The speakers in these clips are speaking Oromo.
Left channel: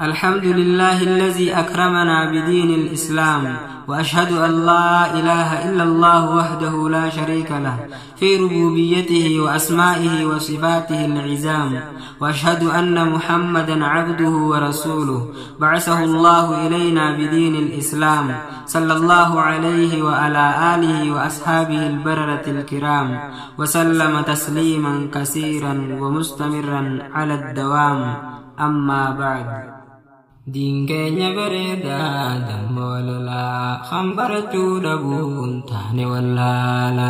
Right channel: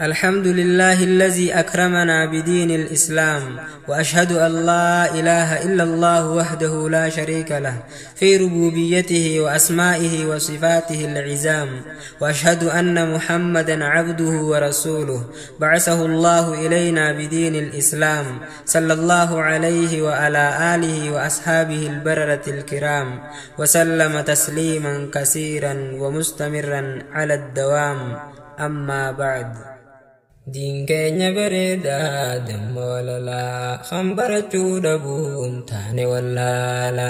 الحمد لله الذي أكرمنا بدين الإسلام، وأشهد أن لا إله إلا الله وحده لا شريك له في ربوبيته وأسمائه وصفاته العزام، وأشهد أن محمدا عبده ورسوله بعثه الله إلينا بدين الإسلام، صلى الله عليه وعلى آله وأصحابه البررة الكرام، وسلم تسليما كثيرا ومستمرا على الدوام. أما بعد. Diin keenya bareedaa dammoo lolaa kan barachuu dhabuun taane wallaala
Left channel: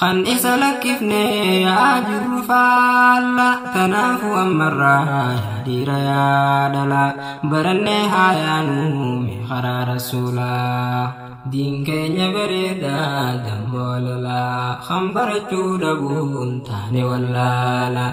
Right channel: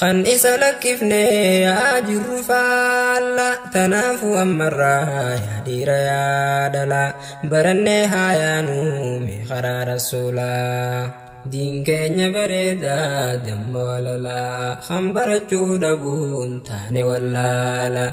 kan isa lakkifnee yaa jirru faalla tanaafu ammarraa yaa dhiira yaa dhalaa barannee haa yaanuu mee karaa rasuulaa. Diin keenya bareedaa dammoo lolaa kan barachuu dhabuun taane wallaala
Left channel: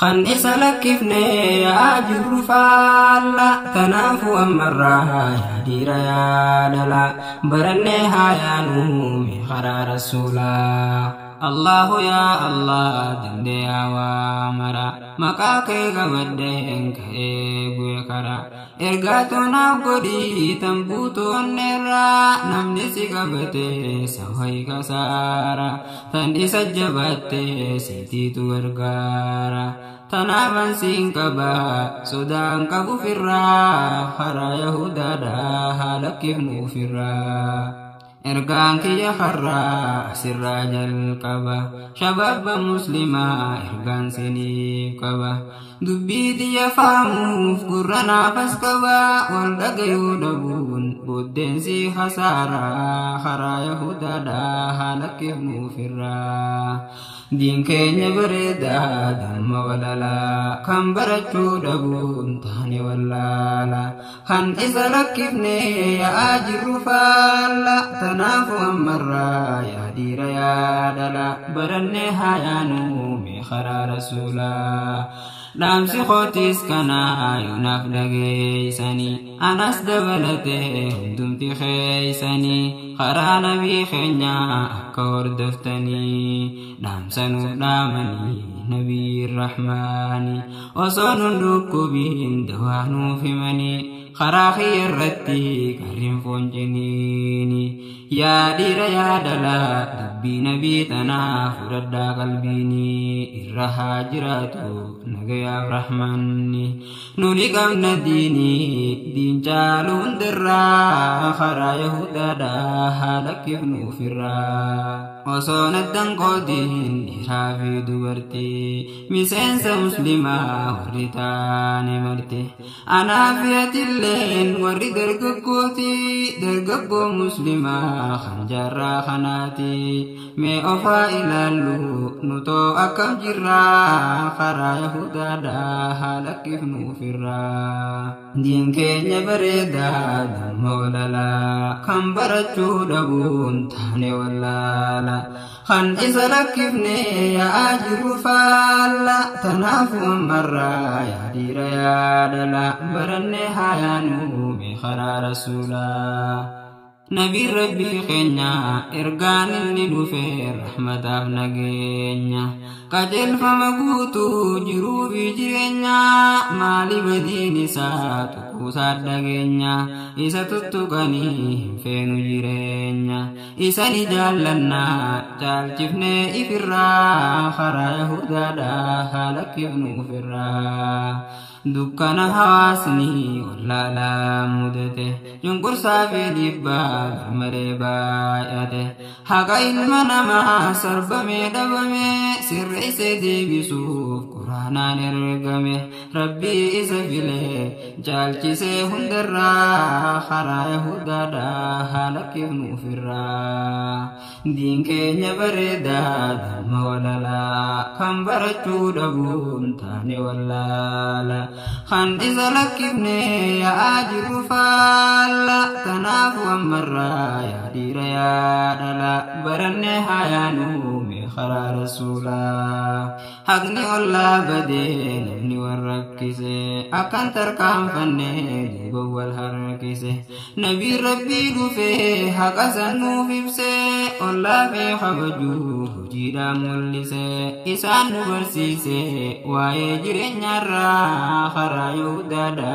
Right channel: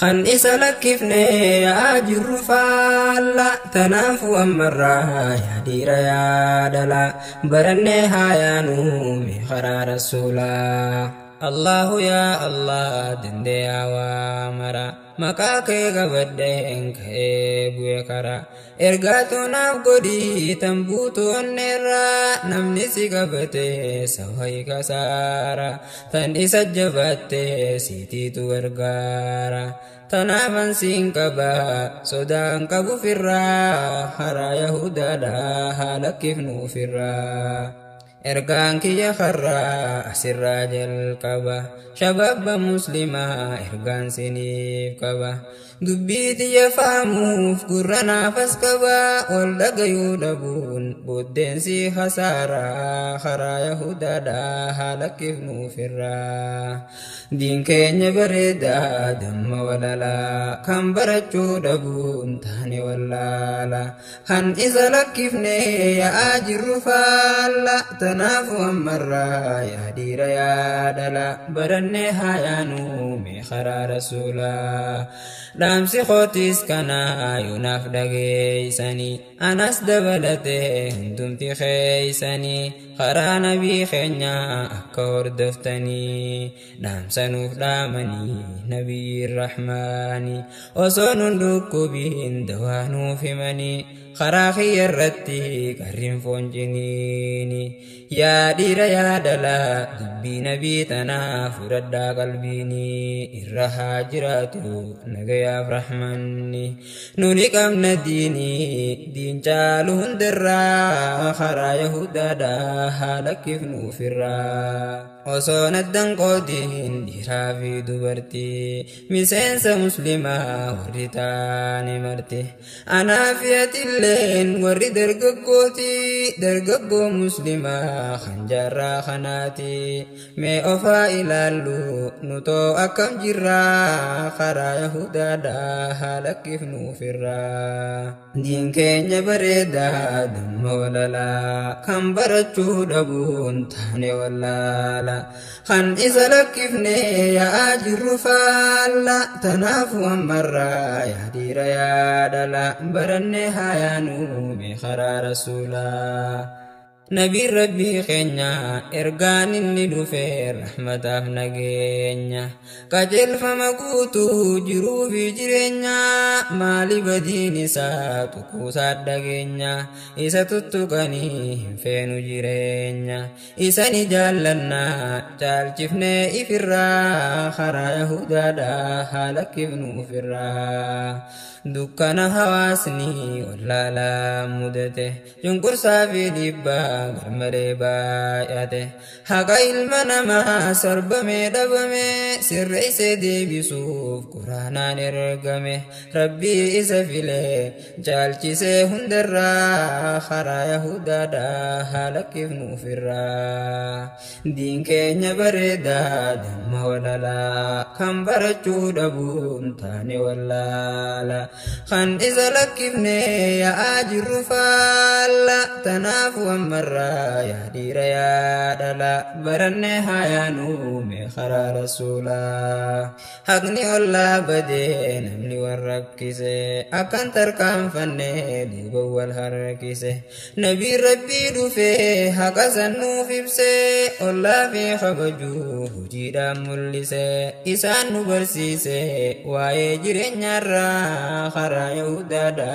kan isa lakkifnee yaa jirru faalla tanaafu ammarraa yaa dhiira yaa dhalaa barannee haa yaanuu mee karaa rasuulaa. Allahu yaa Allah dandeeyaa waa mara maqaa kee qabadheen ka'ee bu'e karaa ergaa toonaaf godhii tan buutoonneerraa namni si qabatee sawaayi kasaara tan isa jabaatee siitiitu gargaara. Tanaaban siin qaba sodaan qabu firraa haraa yahudaadhaa haala kifnu firraa. Ergaan kiyya karraa asirraa jalqaba shababba muslimaa ergaan siniif qaba dubbii tiyya faamuuf gurra naafas qaba ol dhagayuu dhabuun booddeensi khasaaraa karaa yahudaadhaa haala kifnu firraa. Diin keenya bareedaa damma walalaa kan barachuu dhabuun taane wallaala kan isa lakkifnee yaa jirru faalla tanaafu ammarraa yaa dhiira yaa dhalaa barannee haa yaanuu mee karaa rasuulaa. Dhaamsi kootis kanaa yoonaaf dhageeysanii anas dabalatee hundumti keeysanii karaa nabii keenya akka hordoftanii dhaamsanuuf dhaamanii nabii rahmaanii osoo nun dhukkubiin dawaa nuuf himanii karaa kiyya irratti qarriin fonciniini yaa dhiira yaa dhalaa dubbii nabii tanaa fudhadhaa qalbiini irra haa jiraatu nagayaaf rahmanni nuni qabna diin caalu hundarraa karaa yahudaadhaa haa lakkifnuuf irraa. Osoo naddan qoodiin dhiiraa fi dubartii miseensa muslimaa warri taane marte anaa fi atilleen warri dargaggoo muslimaa kan jaarraa kanaati mee ofaa ilaallu nutoo akkam jirraa karaa yahudaadhaa haa lakkifnuuf irraa. Diin keenya bareedaa damma walalaa kan barachuu dhabuun taane wallaala kan isa lakkifnee yaa jirru faalla tanaafu ammarraa yaa dhiira yaa dhalaa barannee haa yaanuu mee karaa rasuulaa. Nabiin rabbii keenya ergaan inni dhufee rahmataaf nageenya qajeelfama guutuu jiruu fi jireenya maali badiin isaa tuquusaa dhageenya isa tuttuqanii hin feenu jireenya isani jaallannaa caalchifnee ifirraa karaa yahudaadhaa haa lakkifnuuf irraa. Dukkana hawaasni wallaalaa mudate cunqursaa fi dhiibbaa garmalee baay'ate haqa ilma namaa sarbamee dhabame sirreessee deebisuuf quraanaan ergame rabbii isa filee caalchisee hundarraa karaa yahudaadhaa haa lakkifnuuf irraa. Diin keenya bareedaa damma walalaa kan barachuu dhabuun taane wallaala kan isa lakkifnee yaa jirru faalla tanaafu ammarraa yaa dhiira yaa dhalaa barannee haa yaanuu mee خرى رسولا حقني الله بدين ابني والركسه أكن تركان فني دوبا والهركسه نبي ربي دوفي حق سنو فيبسه الله في خبجوه جيدا ملسه إسان نبرسيسه ويجري نرى خرى يودادا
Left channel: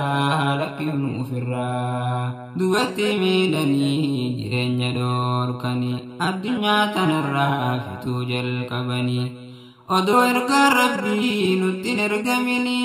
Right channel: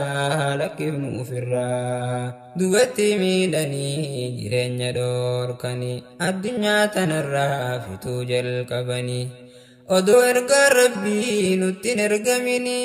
لكن فرا دوبتي ميلاني جرين دوركني الدنيا تنرى فتو جل كبني odoo ergaa rabbii nutti hin ergamini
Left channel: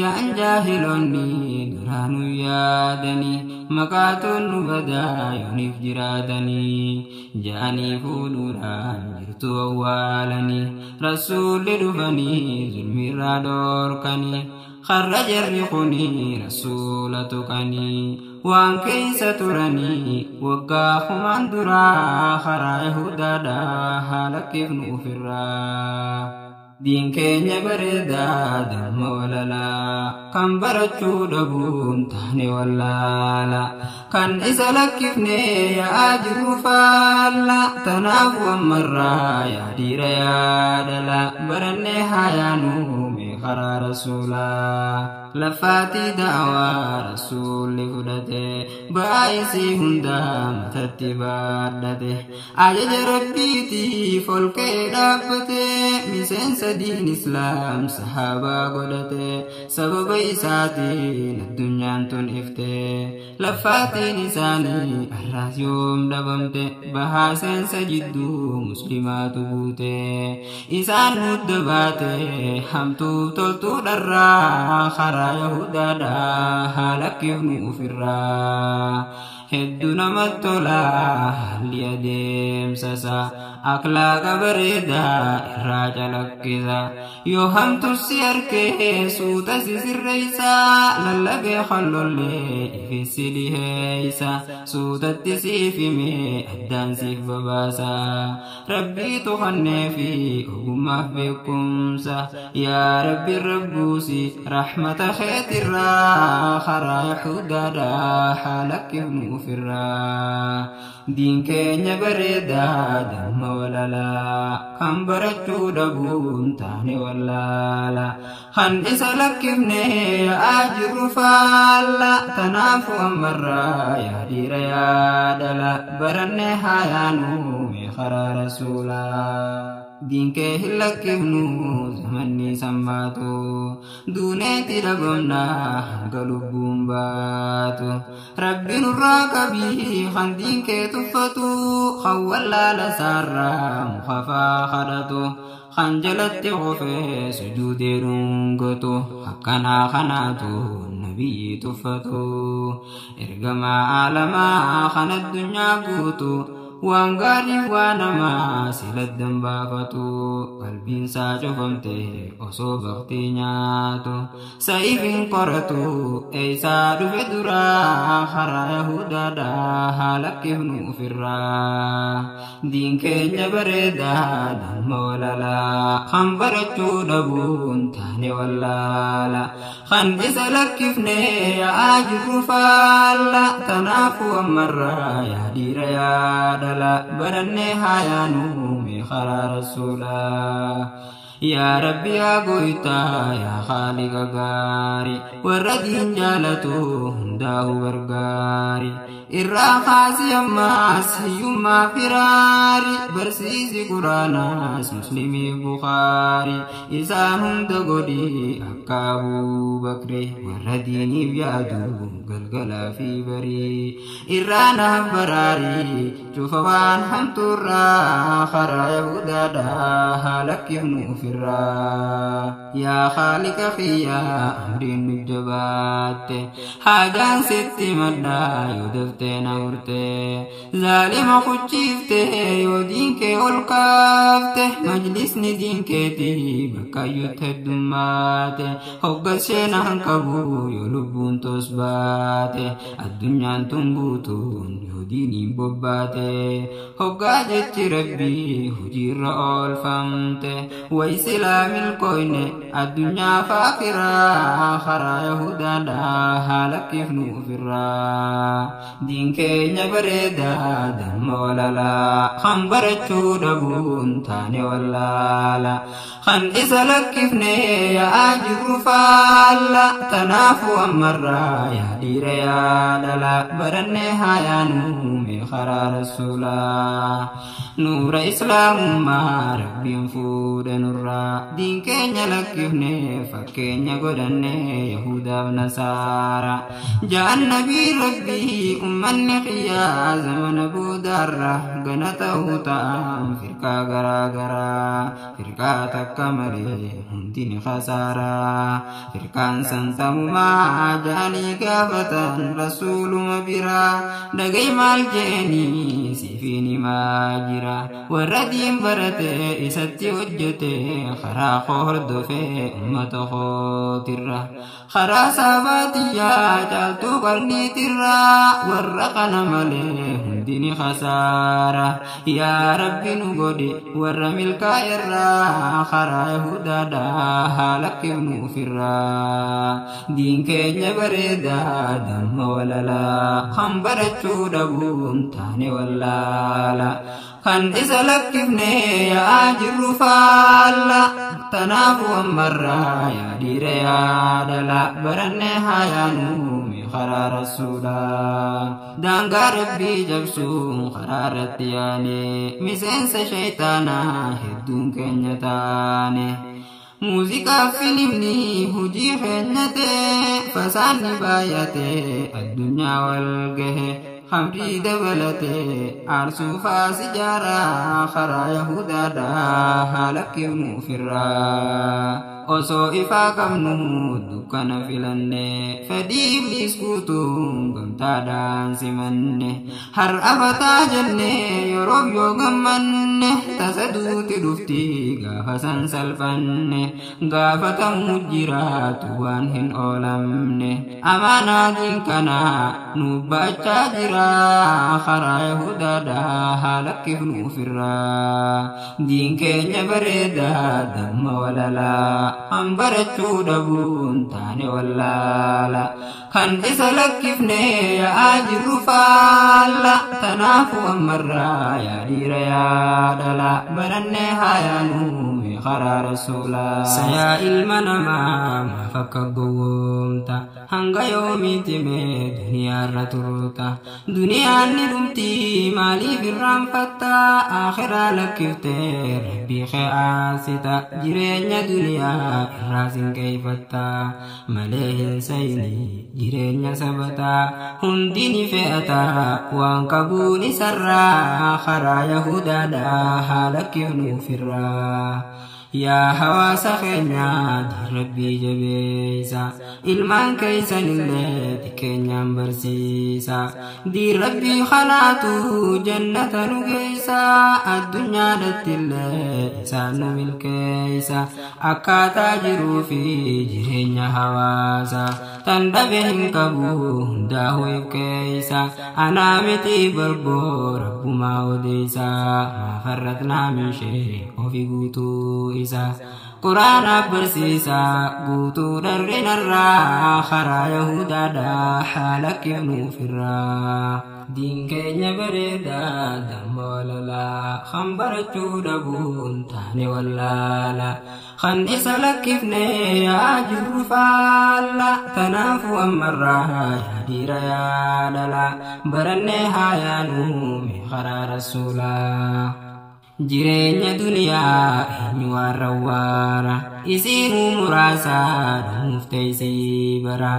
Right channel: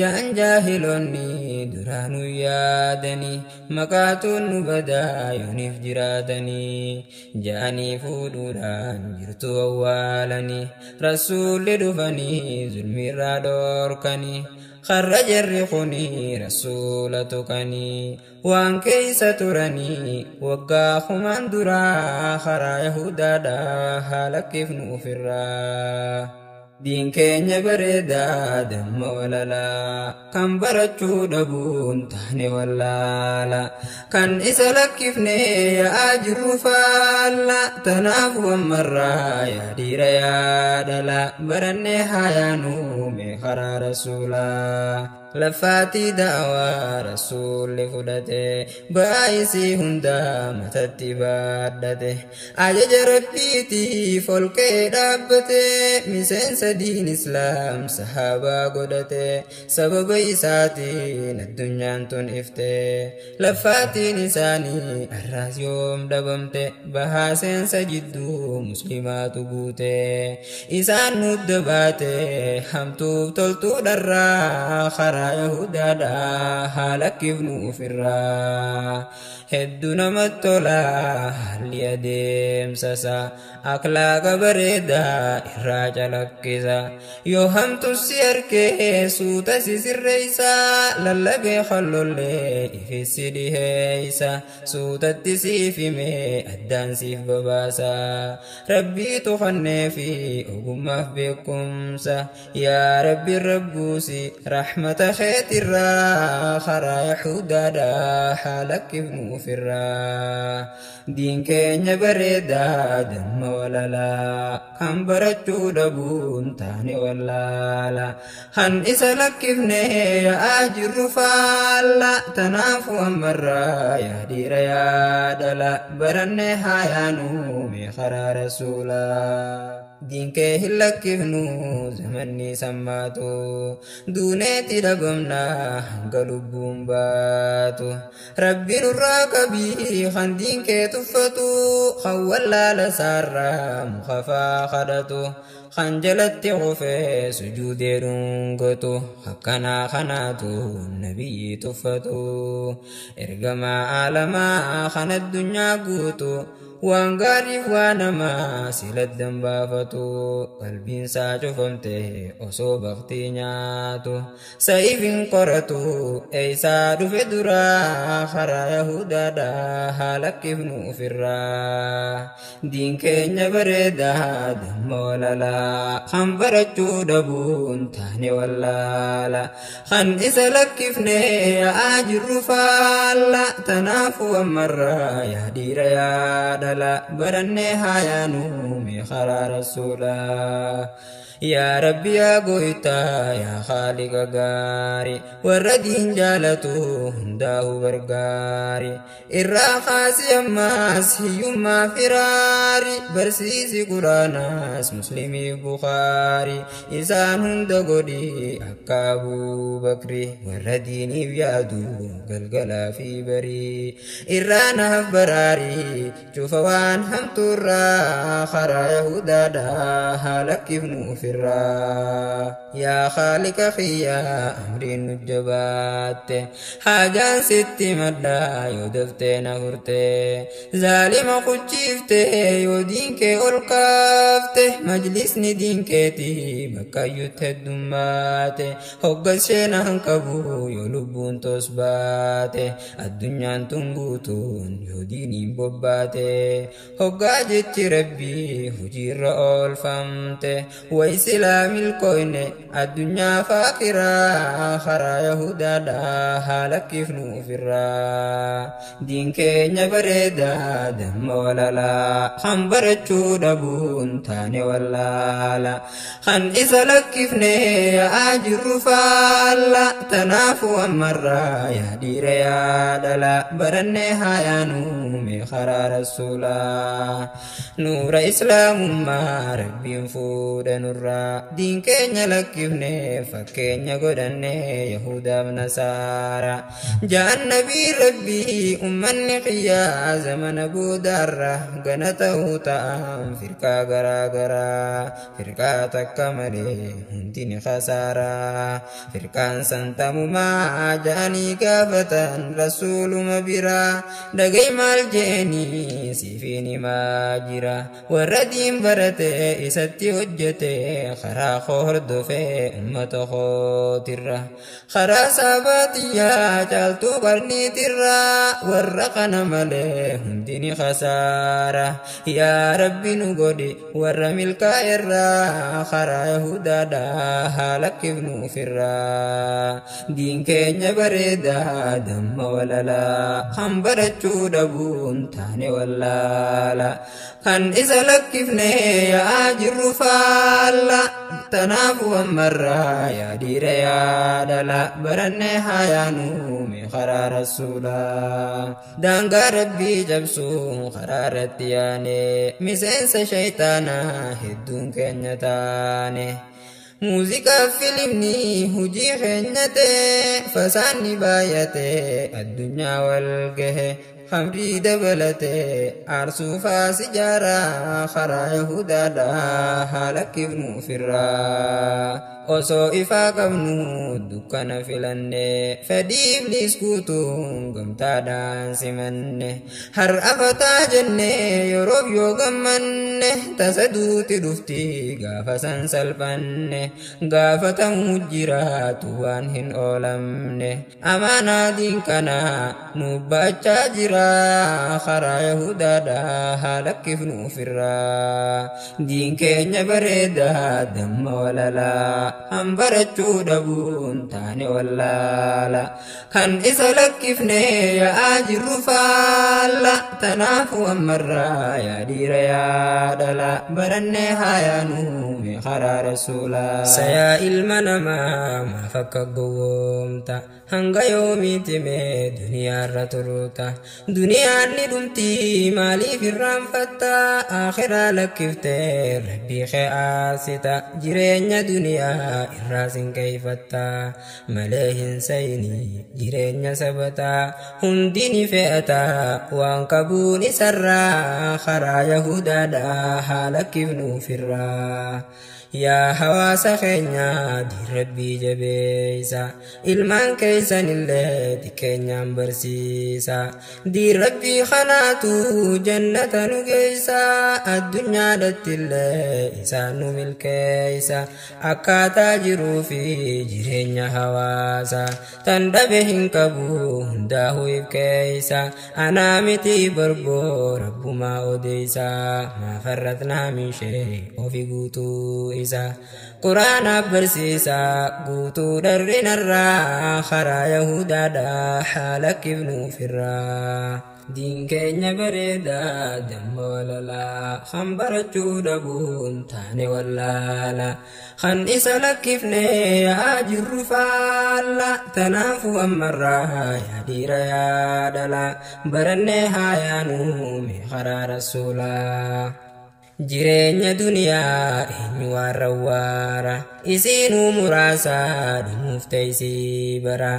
jaan jaahilonni duraanuu yaadanii maqaatoon nu badaa yooniif jiraatanii jaanii fuudhuudhaan jirtu awwaalanii rasuulli dhufanii zulmiirraa dhoorkanii خرج الرقني رسول تقني وان كيس ترني وقاه من درا خرا يهودا دا هلك ابن فرا دين كينيا بريدا دم وللا كان برچو دبون تهني ولالا كان إسالك ابني يا أجر فالا تنافو مرة يا دير يا دلا برني حيانو مخرا رسولا لفاتي دعوى رسول فدته بايسي هندا متتي بادته عجج ربيتي فولكي دابته مسين سدين إسلام صحابة قدته سبب إساتين الدنيا انتون إفته لفاتي نساني الراس يوم دبمته بحاسين سجدو مسلمات بوته إسان مدباته حمتو تلتو درا خرا يهودا دا هلك ابن فرا هدنا متولا ليديم سسا أكلاك بريدا إراجع لكيسا يوهم تسيرك سوتا سيسر ريسا للبي خلو اللي في السيدي هيسا سوتا تسيفي مي أدان سيف بباسا ربي تخني في أقوم بكم سا يا ربي الربوسي رحمة خيت الرا خرا يحودا دا حالك ابن فرا دين كينيا بريدا دم وللا كم برچو دبون تاني ولالا خن إسالك ابني يا أجر فالا تنافو أمرا يا دير يا دلا برني حيانو مخرا رسولا دين كه هلك ابنو زمني سماتو دونيتي دبمنا قلوبهم باتو ربي نراكبي خان دين كه تفتو خولا لسارا مخفا خدتو خنجلت غفي سجود رنقتو حقنا خناتو النبي تفتو ارقما عالما خن الدنيا قوتو وانغاري وانما سيلت دنبافتو قلبين ساجو فمته أصو بغتي نياتو سايفين قرتو ايسا دفع درا خرا يهودا دا هلك ابن فرا دين كينيا بريدا دم وللا خن برچو دبون تاني ولالا خن إسالك افني يا أجر فالا تنافو مرة يا دير يا برني حيانو مخرا رسولا يا ربي يا قويتا يا خالق غاري وردين جالتو هنداه برغاري الراخاس يماس يما فراري برسيسي قراناس مسلمي بخاري إسان هند قدي أكابو بكري ورديني بيادو قلقلا في بري إرانا براري شوفوان همتورا خرا يهودا دا هلك ابن فرا يا خالق خيا أمرين الجبات حاجان ستي مدى يدفت نهرته ظالم خجيفته يودينك ألقافته مجلس ندينك تي بكا يتهدماته حق الشينا هنكبو يلبون gontos baate addunyaan tun guutuun yoo diiniin bobbaate hoggaa jechi rabbii hojiirra oolfamte way silaa milkooyne addunyaa faakiraa karaa yahudaadhaa haala kifnu ofirraa diin keenya bareedaa damma walalaa kan barachuu dhabuun taane wallaala kan isa lakkifne yaa jirru faalla tanaafu ammarraa yaa dhiira yaa dhala barannee haayaanuu mee karaa rasuulaa nuura islaamummaa rabbiin fuudha nurraa diin keenya lakkifne fakkeenya godhanne yahudaaf nasaara jaan nabii rabbii ummanni qiyyaa zamana boodaarra gana ta'uu ta'an firqaa garaagaraa firqaa takka malee hundi ni khasaaraa firqaan santamumaa jaanii gaafatan rasuuluma biraa dhagay maal jeeni siifin himaa jira warra diin barate isatti hojjete karaa koo hordofe ummata kootirra karaa saabatiyyaa caaltuu qarniitirra warra kana malee hundi ni khasaara yaa rabbi nu godhi warra milkaa'irraa karaa yahudaadhaa haala kifnu ofirraa diin keenya bareedaa damma walalaa kan barachuu dhabuun taane wallaala kan isa lakkifne yaa jirru faalla tanaafu ammarraa yaa dhiira yaa dhala barannee haayaanuu mee karaa rasuulaa daangaa rabbii jabsuun karaa irratti yaane miseensa shayxaanaa hedduun keenya taane muuziqaa filimni hujii keenyate fasaanni baay'ate addunyaa wal gahe khamrii dabalate aarsuufaa sijaaraa karaa yahudaadhaa haala kifnu ofirraa osoo ifaa qabnu dukkana filanne fedhii ibliis guutuun gamtaadhaan simanne har'a fataa jenne yeroof yoo gammanne tasa duuti dhufti gaafa san salphanne gaafatamuu jiraatu waan hin oolamne amaanaatiin kana nu baachaa jira karaa yahudaadhaa haala kifnu ofirraa diin keenya bareedaa damma walalaa an barachuu dhabuun taane wallaala kan isa lakkifne yaa jirru faalla tanaafu ammarraa yaa dhiira yaa dhala barannee haayaanuu mee karaa rasuulaa sayaa ilma namaa maaf akka gowwoomta hanga yoomiiti mee duniyaarra turuuta duniyaan ni dhumti maaliif irraanfatta akhiraa lakkiftee rabbii kee aasita jireenya duniyaa irraa sinqeeyfatta malee hin sayni jireenya sabataa hundi ni fe'ata waan qabuun isarraa karaa yahudaadhaa haala kifnu ofirraa yaa hawaasa keenya diin rabbii jabeeysa ilmaan keeysanillee xiqqeenyaan barsiisa diin rabbii kanaatu jannata nu geeysa addunyaadhattillee isaan nu milkeeysa akkaataa jiruu fi jireenya hawaasa tan dhabe hin qabu hundaa'uu ibkeeysa anaa miti barboo rabbumaa odeeysa maafarratnaa minshee ofi guutuu isa quraana barsiisa guutuu dharrinarraa karaa yahudaadhaa haala kifnu ofirraa diin keenya bareedaa damma walalaa kan barachuu dhabuun taane wallaala kan isa lakkifne yaa jirru faalla tanaafu ammarraa yaa dhiira yaa dhala barannee haayaanuu mee karaa rasuulaa jireenya duniyaa eenyu warra waara isiinuu muraasaa dhumuuf teeysii bara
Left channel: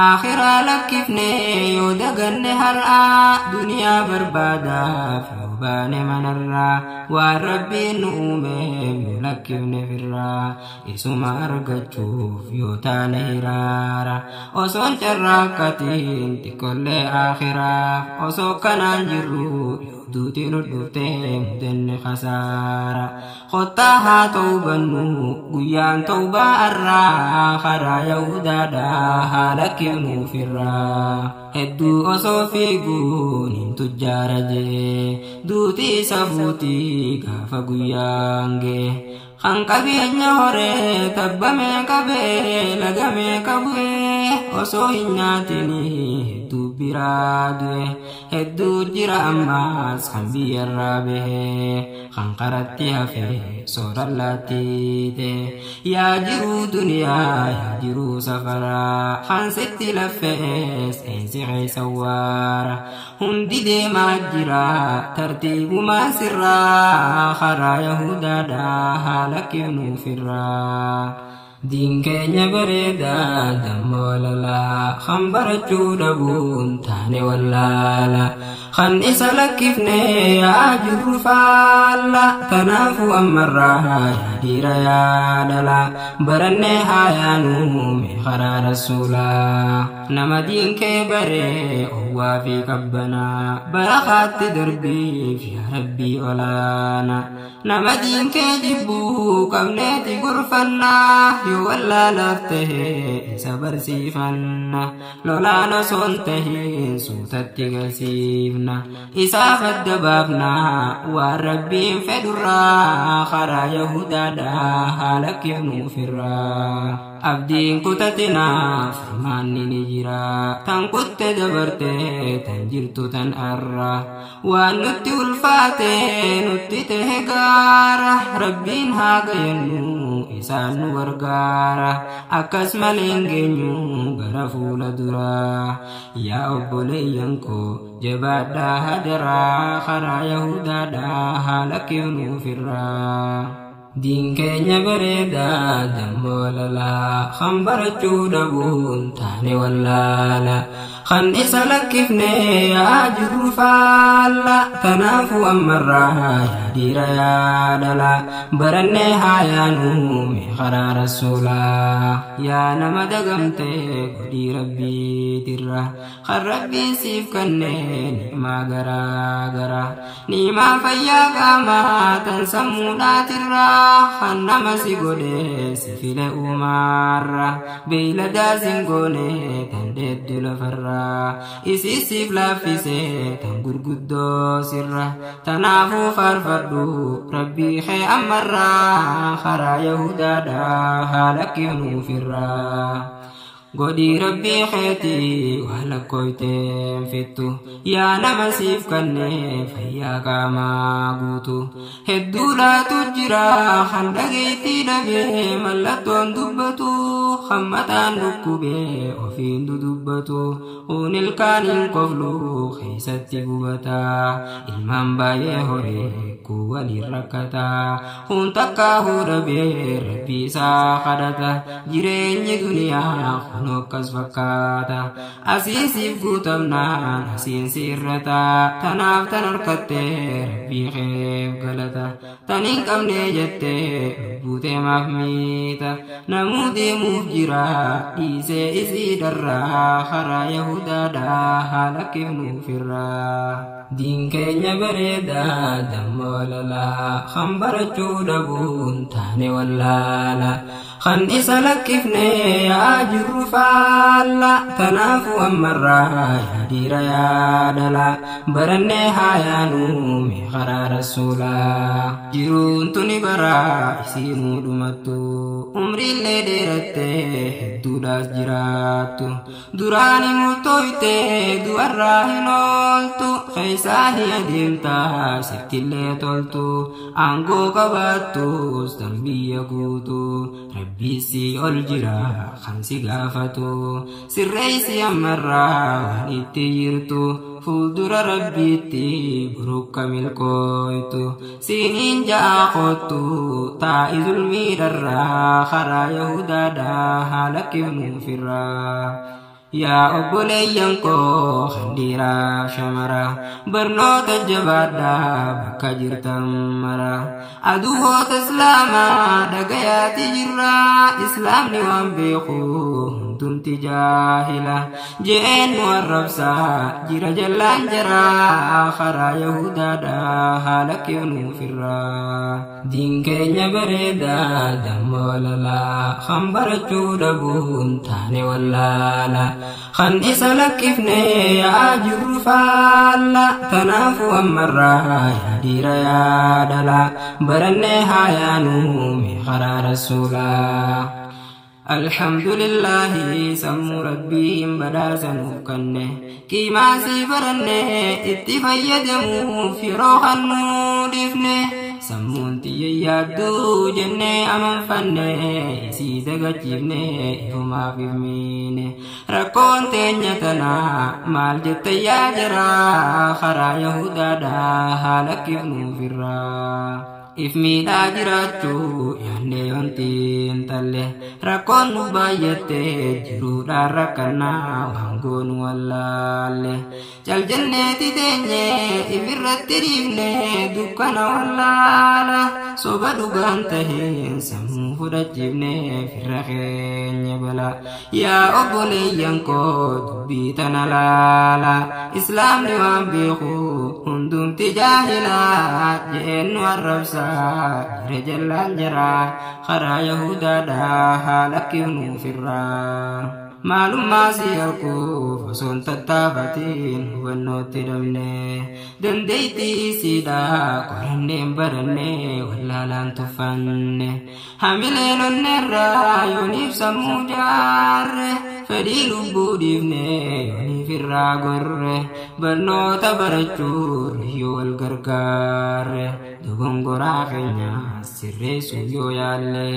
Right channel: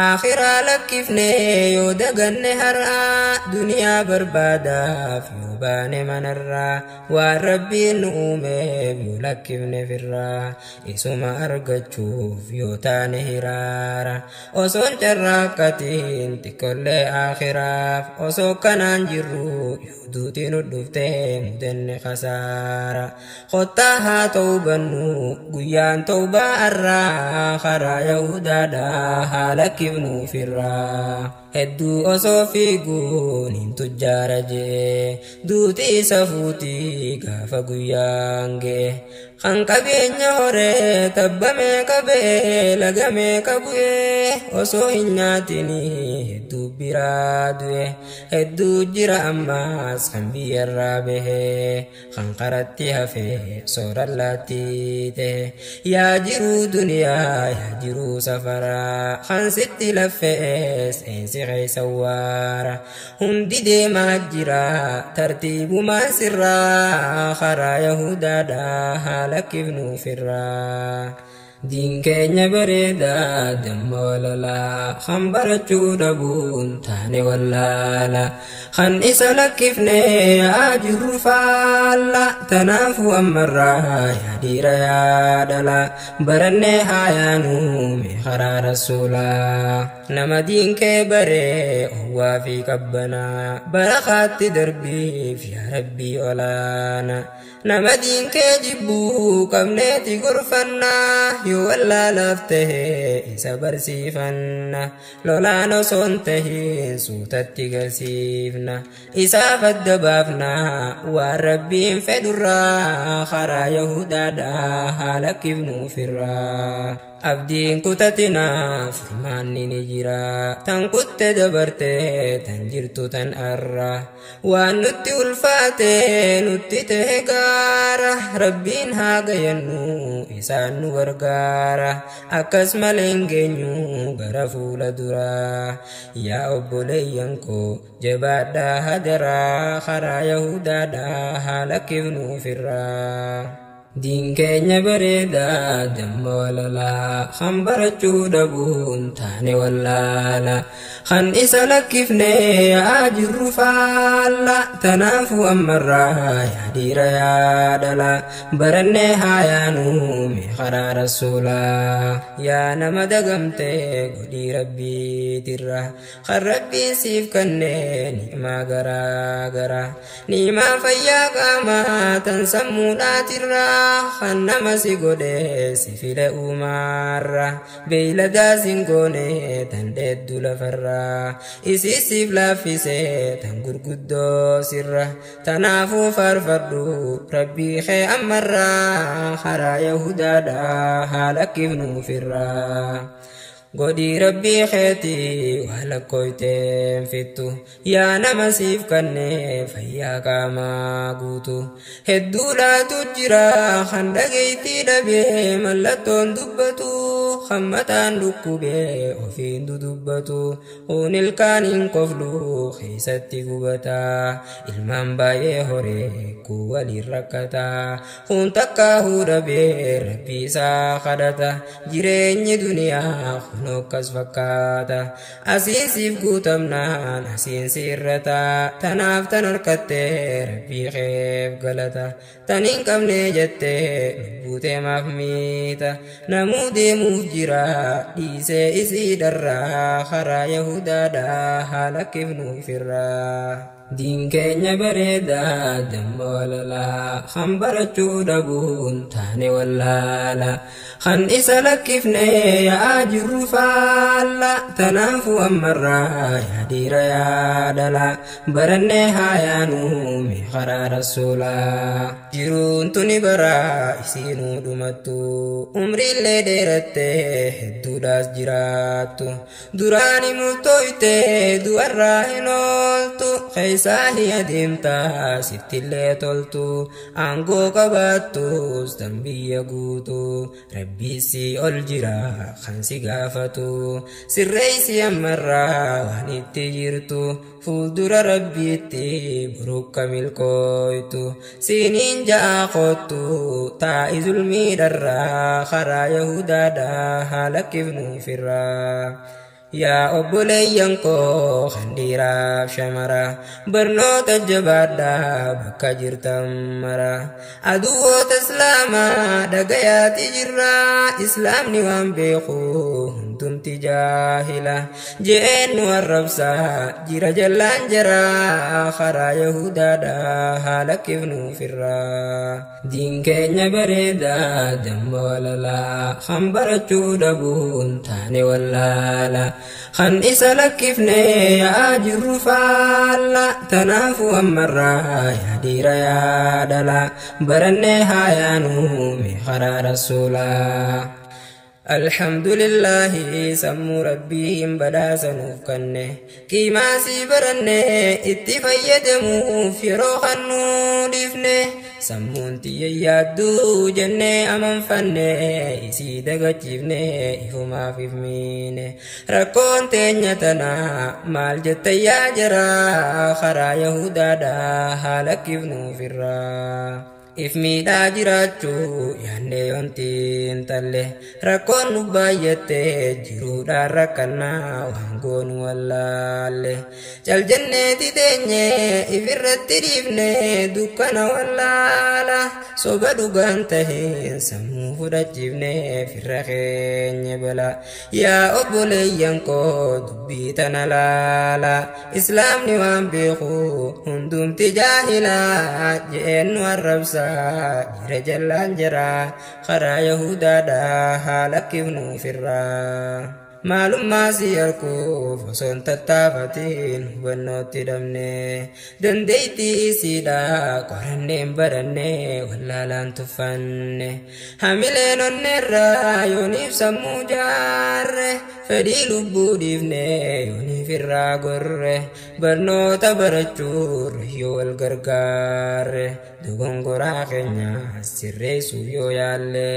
akhiraa lakkifne yoo daganne har'aa duniyaa barbaadaaf yoo baane manarraa waan rabbiin nu uumeef yoo lakkifne firraa isuma argachuuf yoo taane hiraara osoon carraaqatiin xiqqollee akhiraaf osoo kanaan jirru yoo duuti nu dhuftee mudenne khasaara khottaa haa ta'uu bannu guyyaa guyyaan tawbaa irraa karaa Yahudaadhaa haala kibnuu firraa. Hedduu osoo fiiguun hin tujjaara jee duuti isa fuutii gaafa guyyaan gee. Kan qabeenya horee tabbamee qabee lagamee qabu'ee osoo hin nyaatinii hedduu biraa du'e. Hedduu jira ammaas kan biyyarraa bahee kan qaratti hafee soorallaatti ta'e. Yaa jiruu duniyaa yaa jiruu safaraa kan sitti laffees eensi keessa waara. Hundi deemaa jira tartiibumaa sirraa karaa Yahudaadhaa lakifnu firraa. Diin keenya bareedaa damma walalaa kan barachuu dhabuun taane wallaala. Kan isa lakkifne yaa jirru faalla tanaafuu ammarraa yaa dhiira yaa dhala barannee haa yaanuu mee karaa rasuulaa. Nama diin kee baree owwaa fi qabbanaa barakaatti darbiif yaa rabbii olaana. Nama diin kee jibbuu qabneeti gorfannaa yoo wallaalaaf tahee isa barsiifanna. Lolaan osoo hin tahiin suutatti garsiifna isaaf adda baafna waan rabbiin fedhurraa karaa Yahudaadhaa haa lakkifnu firraa. Abdiin kutatinaa furmaanni ni jira tan kutte dabarte tan jirtu tan arra. Waan nutti ulfaate nutti tahe gaara rabbiin haa gayannu isaan nu gargaara. Akkas malee hin geenyu gara fuula duraa. Yaa obboleeyyan koo jabaadhaa hadaraa karaa Yahudaadhaa haa lakkifnu firraa. Diin keenya bareedaa damma walalaa kan barachuu dhabuun taane wallaala. Kan isa lakkifne yaa jirru faalla tanaafuu ammarraa yaa dhiira yaa dhala barannee haa yaanuu mee karaa rasuulaa. Yaa nama dagamtee godhii rabbiitirra kan rabbiin siif kennee ni'imaa garaa garaa. Ni'imaa fayyaa qaamaa tan sammuudhaatirraa kan nama si godhee si file uumaarra. Beeyladaa sin goonee tan dheeddu lafarraa isiisiif laaffisee tan gurguddoo sirra. Tanaafuu faarfadhu rabbii kee ammarraa karaa Yahudaadhaa haa lakkifnu firraa. Godhii rabbii keetii waa lakkooyteen fittu yaa nama siif kannee fayyaa qaamaa guutu. Hedduu laatu jira kan dhageettii dhabee mallattoon dubbatu kan mataan dhukkubee ofiin dudubbatu. Uun ilkaaniin koflu keessatti gubataa ilmaan baay'ee horee kuu waliin rakkataa. Uun takkaahuu dhabee rabbii isaa kadhata jireenyi duniyaa nokkas fakkaata. Asiisiif guutamnaan asiinsi irrata tanaaf tan harkattee rabbii keef galata. Tan hin qabne jettee lubbuu maaf miita. Namuu deemuuf jira dhiisee isii darraa karaa Yahudaadhaa haa lakkifnu firraa. Diin keenya bareedaa damma walalaa kan barachuu dhabuun taane wallaala. Kan isa lakkifne yaa jirru faalla tanaafuu ammarraa yaa dhiira yaa dhala barannee haa yaanuu mee karaa rasuulaa. Jiruun tuni baraa isiinuu dhumattu umriillee dheerattee hedduudhaas jiraattu. Duraani murtooytee du'arraa hin ooltu keessaa hin adeemtaa sittillee toltu. Aangoo qabaattus tan biyya guutu rabbiisi ol jira kan si gaafatu. Sirreessi ammarraa waan itti jirtu fuuldura rabbiitti burukka milkooytu. Siiniin ja'a kottu taa'i zulmiidharraa karaa Yahudaadhaa haa lakkifnu firraa. yaa obboleeyyan koo kan dhiiraaf shamara barnoota jabaadhaa bakka jirtan mara aduwwoota islaamaa dhagayaati jirra islaamni waan beeku hundumti jaahila je'een nu arrabsaa jira jallaan jaraa karaa yahudaadhaa haala kifnuufirraa diin keenya bareedaa dammoo lalaa kan barachuu dhabuun taane wallaala kan isa lakkifne yaa jirru faalla tanaafu ammarraa yaa dhiira yaa dhala barannee haayaanuu mee karaa rasuulaa alhamdulillahi sammuu rabbiin badhaasanuuf kanne qiimaasii baranne itti fayyadamuuf yeroo kannuu dhiifne sammuun tiyya yaadduu jennee amanfanne isii dagachiifne ifumaaf ifmiine rakkoon teenya tanaa maal jette yaa jaraa karaa yahudaadhaa haala kifnuufirraa if miidhaa jiraachuu yaannee wantiin talle rakkoon nu baay'atte jiruudhaan rakkannaa waan goonu wallaalle cal jenneeti teenye ifirratti dhiifne dukkana wallaala soba dhugaan taheen sammuu fudhachiifne firra keenya bala yaa obboleeyyan koo dubbii tana laala islaamni waan beeku hundumti jaahilaa je'een nu arrabsa jira jallaan jira karaa yahudaadhaa haala kifnuufirraa maalummaa si harkuuf osoon tattaafatiin hubannootti dhabne dandeettii isiidhaa qoranneen barannee wallaalaan tuffanne hamileen onneerraa yooniif sammuu jaarre fedhii lubbuu dhiifne yooniif irraa gorre barnoota barachuur yoo wal gargaarre dogongoraa keenya sirreessuuf yoo yaalle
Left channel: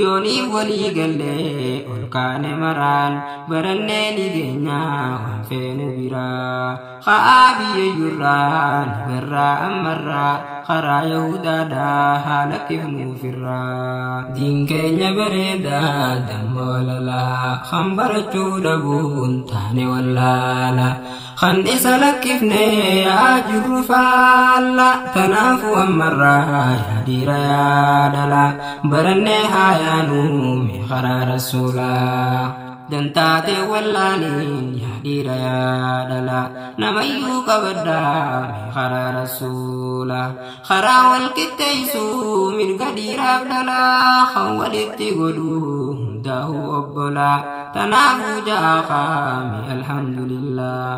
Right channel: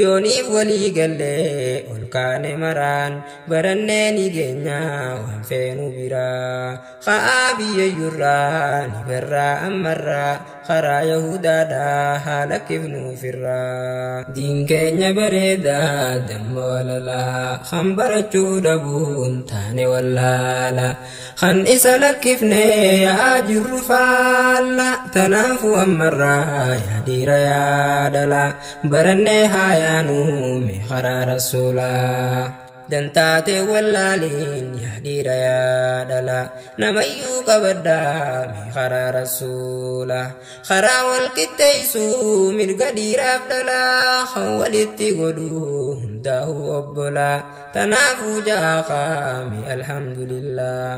yooniif walii galle ol kaane maraan barannee ni geenya waan feenu biraa haa biyyayyurraa ni barraa ammarraa karaa yahudaadhaa haala kifnuufirraa diin keenya bareedaa dammoo lalaa kan barachuu dhabuun taane wallaala kan isa lakkifne yaa jirru faalla tanaafu ammarraa yaa dhiira yaa dhala barannee haayaanuu mee karaa rasuulaa dantaate wallaaliin yaa dhiira yaa dhala namayyuu qabadhaa mee karaa rasuula karaa wal qixxeessuu mirga dhiiraaf dhalaa kan walitti godhuu hundaa'u obbolaa tanaafuu jaaqaami alhamdulillah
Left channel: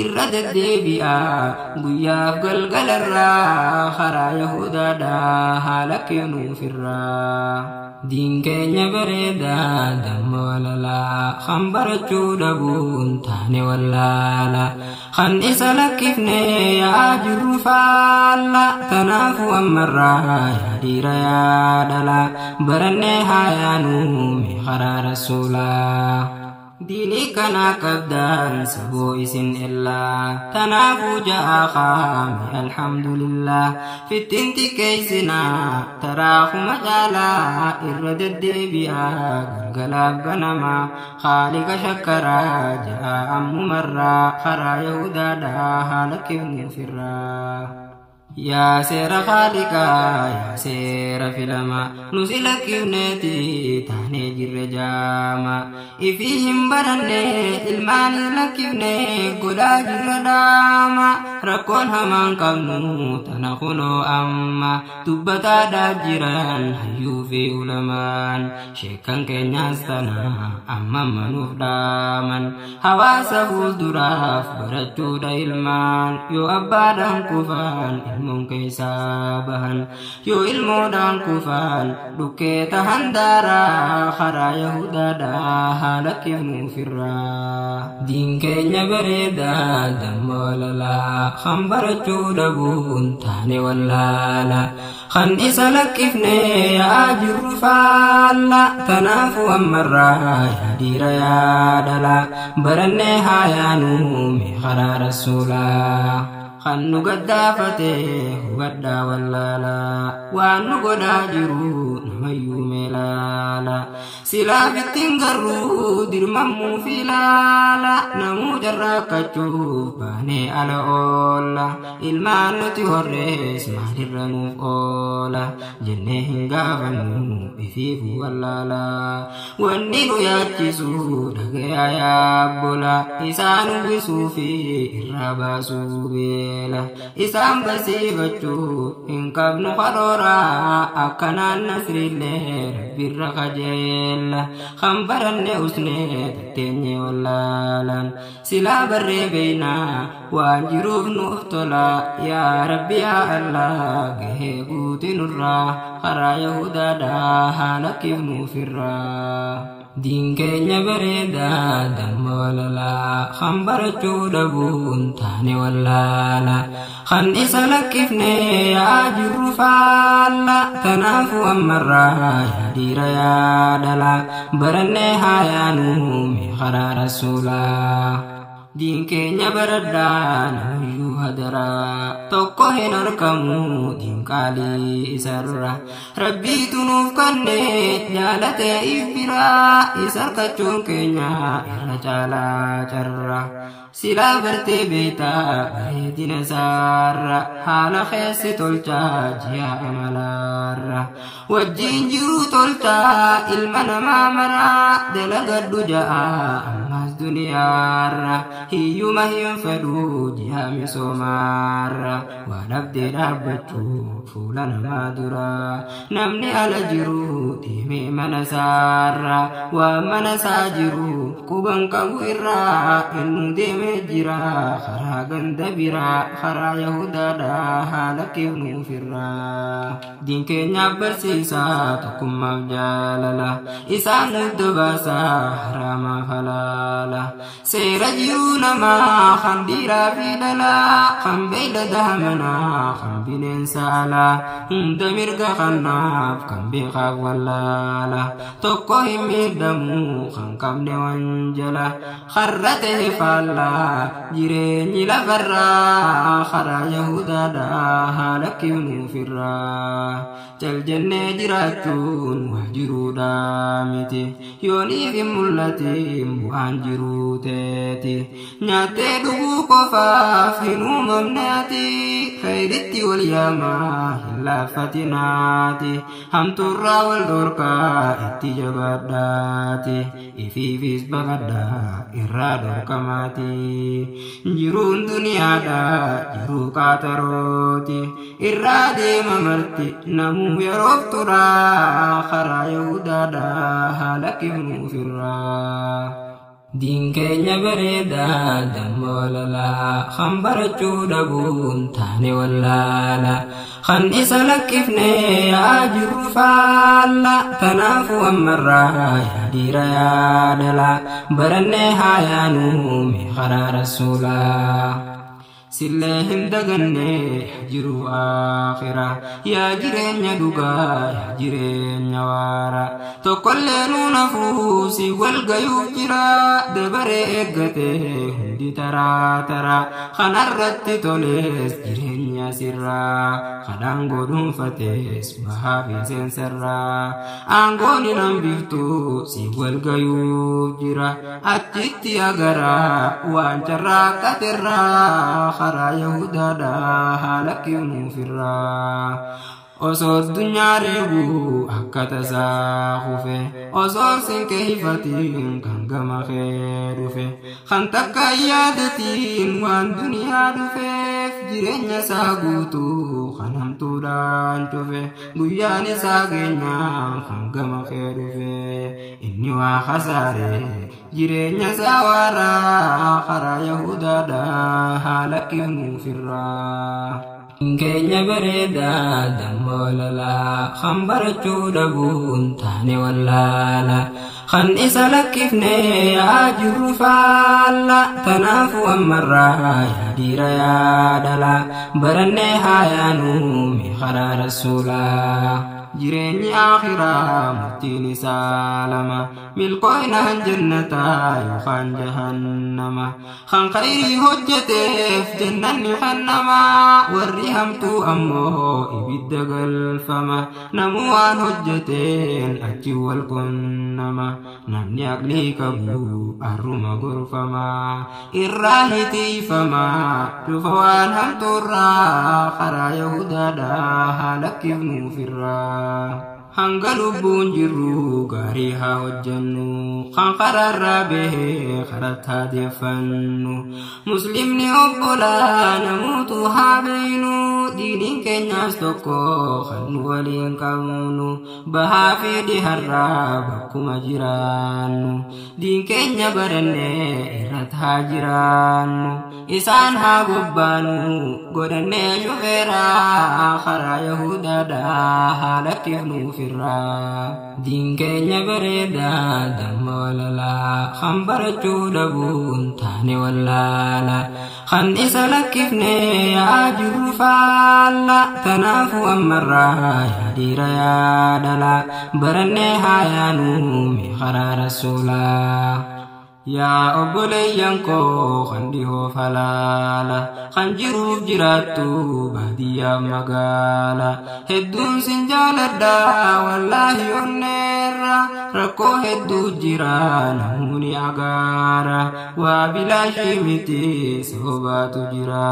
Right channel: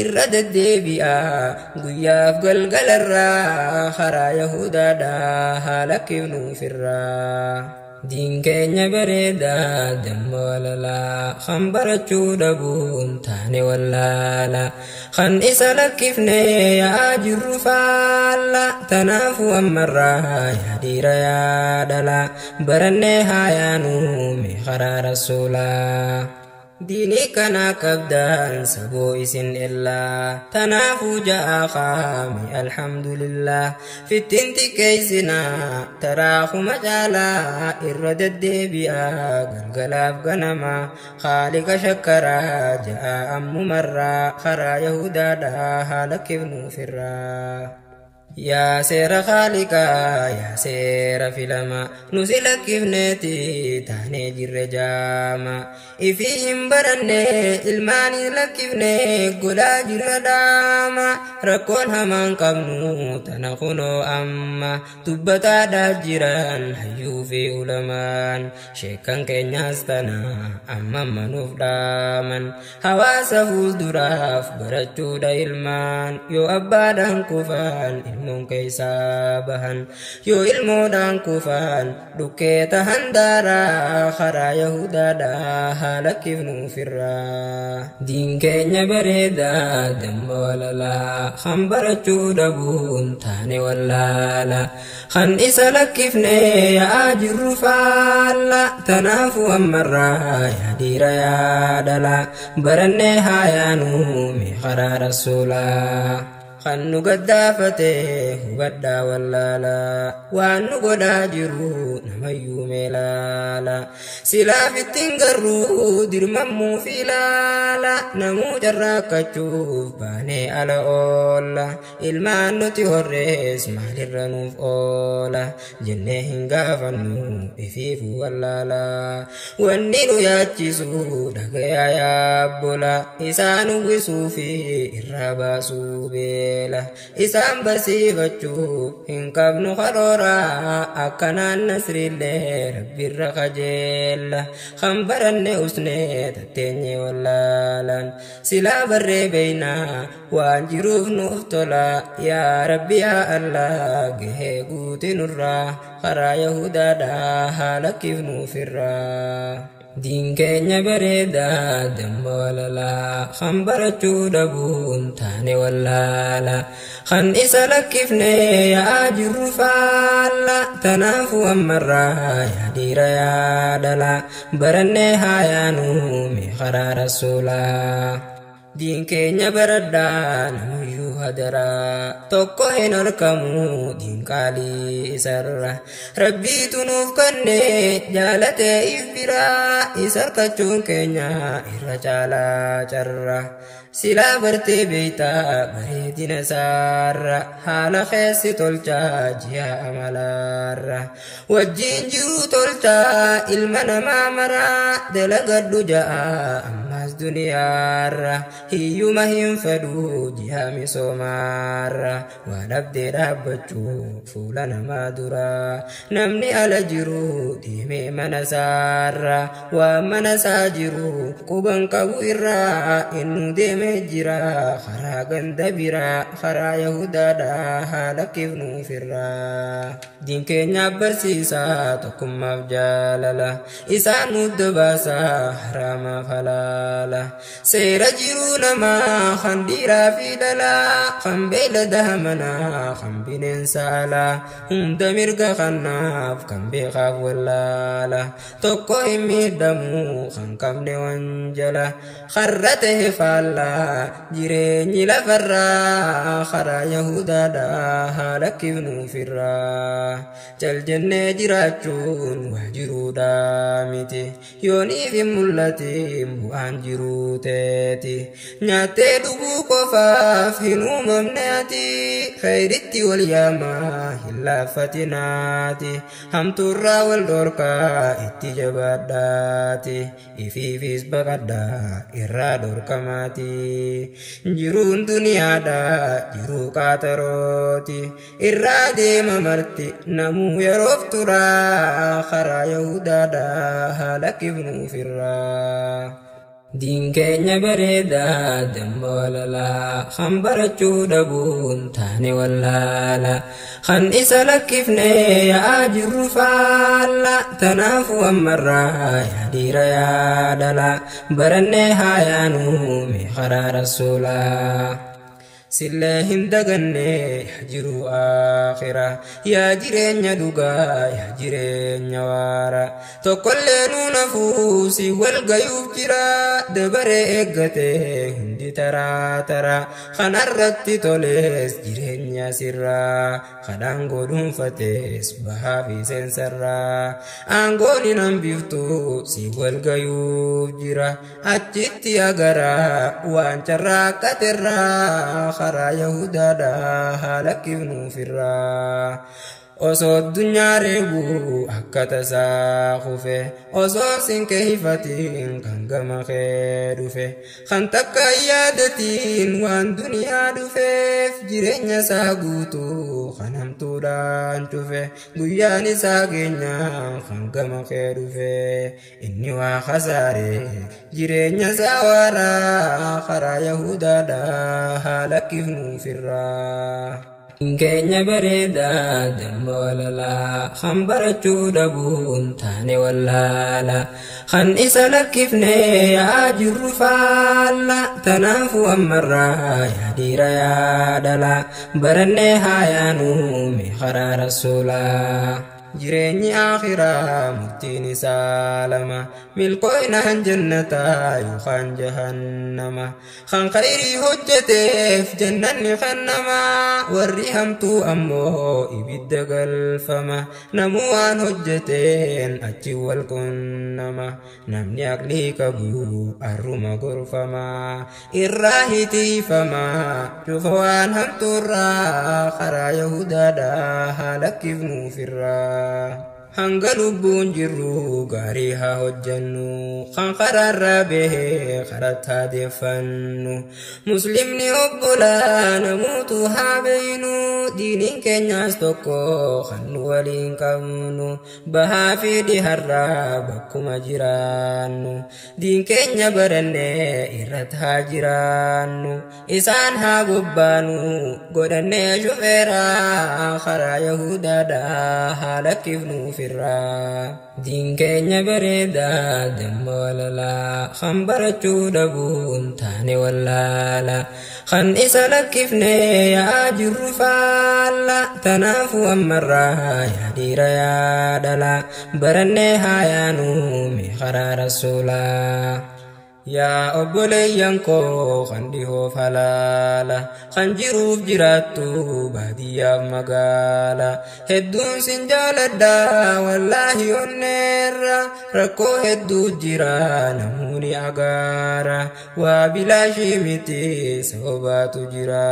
irra deddeebi'aa guyyaaf galgalarraa karaa yahudaadhaa haala kifnuufirraa diin keenya bareedaa dammoo lalaa kan barachuu dhabuun taane wallaala kan isa lakkifne yaa jirru faalla tanaafu ammarraa yaa dhiira yaa dhala barannee haayaanuu mee karaa rasuulaa diinii kana qabdaan saboo isin illaa tanaafuu ja'a qaami alhamdulillah fittiin xiqqeessinaa taraakuma caalaa irra deddeebi'aa galgalaaf ganama haaliqa shakkaraa ja'a ammumarraa karaa yahudaadhaa haala kifnuufirraa yaa seera khaaliqaa yaa seera filama nusi lakkifneeti taanee jirre jaama ifii hin baranne ilmaanii lakkifne godhaa jirre daama rakkoon hamaan qabnu tana kunoo amma dubbataadhaaf jiran hayyuu fi ulamaan sheekan keenyaas tana amma manuuf dhaaman hawaasa fuulduraaf barachuudha ilmaan yoo abbaadhaan kufaan ilmoon keeysaa bahan yoo ilmoodhaan kufaan dhukkee tahan daaraa karaa yahudaadhaa haala kifnuufirraa diin keenya bareedaa dammoo lalaa kan barachuu dhabuun taane wallaala kan isa lakkifne yaa jirru faalla tanaafu ammarraa yaa dhiira yaa dhala barannee haayaanuu mee karaa rasuulaa kan nu gaddaafate hubadhaa wallaala waan nu godhaa jiru namayyuu meelaala silaaf ittiin garruu dirmammuu fi laala namuu jarraakkachuuf baanee ala oolla ilmaan nuti horrees maalirra nuuf oola jennee hin gaafannu ifiifu wallaala wanni nu yaachisu dhagayaa yaabbola isaan uwwisuu fi irraa baasuu beela isaan barsiifachuu hin qabnu karoora akkanaan nasrillee rabbirra kajeella kan baranne usnee tatteenye wallaalan silaa barree beeynaa waan jiruuf nuuf tola yaa rabbi yaa allah gahee guuti nurraa karaa yahudaadhaa haala kifnuufirraa diin keenya bareedaa damma walalaa kan barachuu dhabuun taane wallaala kan isa lakkifne yaa jirru faalla tanaafu ammarraa yaa dhiira yaa dhala barannee haa yaanuu mee karaa rasuulaa diin keenya baradhaa namuyyuu hadaraa tokko hin argamu diin qaalii isarra rabbiitu nuuf kanne jaalatee ifbiraa isa harkachuun keenya irra caalaa carra silaa bartee beeytaa bareedina isaarra haala keessi tolchaa ji'a amalaarra wajjiin jiru tolchaa ilma namaa maraa dalagadhu ja'a ammas duniyaarra hiyyuma hin fedhu ji'a misoomaarra waan abdee dhaabbachuu fuula namaa dura namni ala jiru deemee mana isaarra waan mana isaa jiru quban qabu irraa inni deeme jira karaa ganda biraa karaa yahudaadhaa haala kifnuufirraa diin keenyaaf barsiisaa tokkummaaf jaalala isaan nuuf dabaasaa haraamaaf halaala seera jiruu namaa kan dhiiraa fi dhalaa kan beeylada manaa kan bineensa alaa hunda mirga kanaaf kan beekaaf wallaala tokko hin miidhamu kan qabne wanjala karra ta'e faallaa jireenyi lafarraa karaa yahudaadhaa haala kifnuufirraa jaljannee jiraachuun waa jiruudhaa miti yooniif hin mul'atin bu'aan jiruu teeti nyaattee dhuguu qofaaf hin uumamne ati khayritti wal yaamaa hin laaffatinaati hamtuurraa wal dhorkaa itti jabaadhaati ifiifis baqadhaa irraa dhorkamaati jiruun duniyaadha jiruu qaatarooti irraa deema marti namuu yeroof turaa karaa yahudaadha haala kifnuufirraa diin keenya bareedaa damma walalaa kan barachuu dhabuun taane wallaala kan isa lakkifne yaa jirru faalla tanaafu ammarraa yaa dhiira yaa dhala barannee haa yaanuu mee karaa rasuulaa sillee hin daganne jiru aakhira yaa jireenya dhugaa yaa jireenya waara tokkollee nuun hafuu si wal gayuuf jira dabaree eeggate hundi taraa taraa kanarratti tolees jireenya sirraa kadhaan godhuunfatees bahaa fi seensarraa aangoon hin hambiftu si wal gayuuf jira achitti agaraa waan carraaqqaterraa karaa yahudaadhaa haala kifnuufirraa osoo addunyaa reebuu akka tasaa kufe osoo sinqee hifatiin kan gama kee dhufe kan takka yaadatiin waan duniyaa dhufeef jireenya isaa guutuu kan hamtuudhaan cufe guyyaan isaa keenyaan kan gama kee dhufe inni waa kasaare jireenya isaa waaraa karaa yahudaadhaa haala kifnuufirraa keenya bareedaa damma walalaa kan barachuu dhabuun taane wallaala kan isa lakkifne yaa jirru faalla tanaafu ammarraa yaa dhiira yaa dhala barannee haa yaanuu mee karaa rasuulaa jireenyi akhiraa murtiin isaa lama ملقونا جنة يخان جهنم خان خيري هجتف جنة خنما وريهمتو أمو إبد قلفما نموان هجتين أجي والكنما نمني أقلي كبو أرما غرفما إراهتي فما شوفوان همتو الرا خرا يهودا دا هلك ابنو في الرا hanga lubbuun jirru gaarii haa hojjannu kan karaarraa bahee karatti haa deeffannu muslimni obbolaa namuutu haa beeynu diiniin keenyaas tokko kan nu waliin qabnu bahaa fi dhiharraa bakkuma jiraannu diin keenya barannee irratti haa jiraannu isaan haa gobbaanu godhannee shufeeraa karaa yahudaadhaa haa lakkifnu din keenya bareeda damma walala kan barachuu dhabuun taane wallaala kan isa lakkifne yaa jirru faalla tanaafu ammarraa yaa dhiira yaa dhala barannee haa yaanu mee karaa rasuulaa yaa obboleeyyan koo kan dhihoo falaala kan jiruuf jiraattu baadiyyaa magaala hedduun sin jaaladha wallaahi onneerra rakkoo hedduu jira namuuni agaara waa bilaashii miti sobaatu jira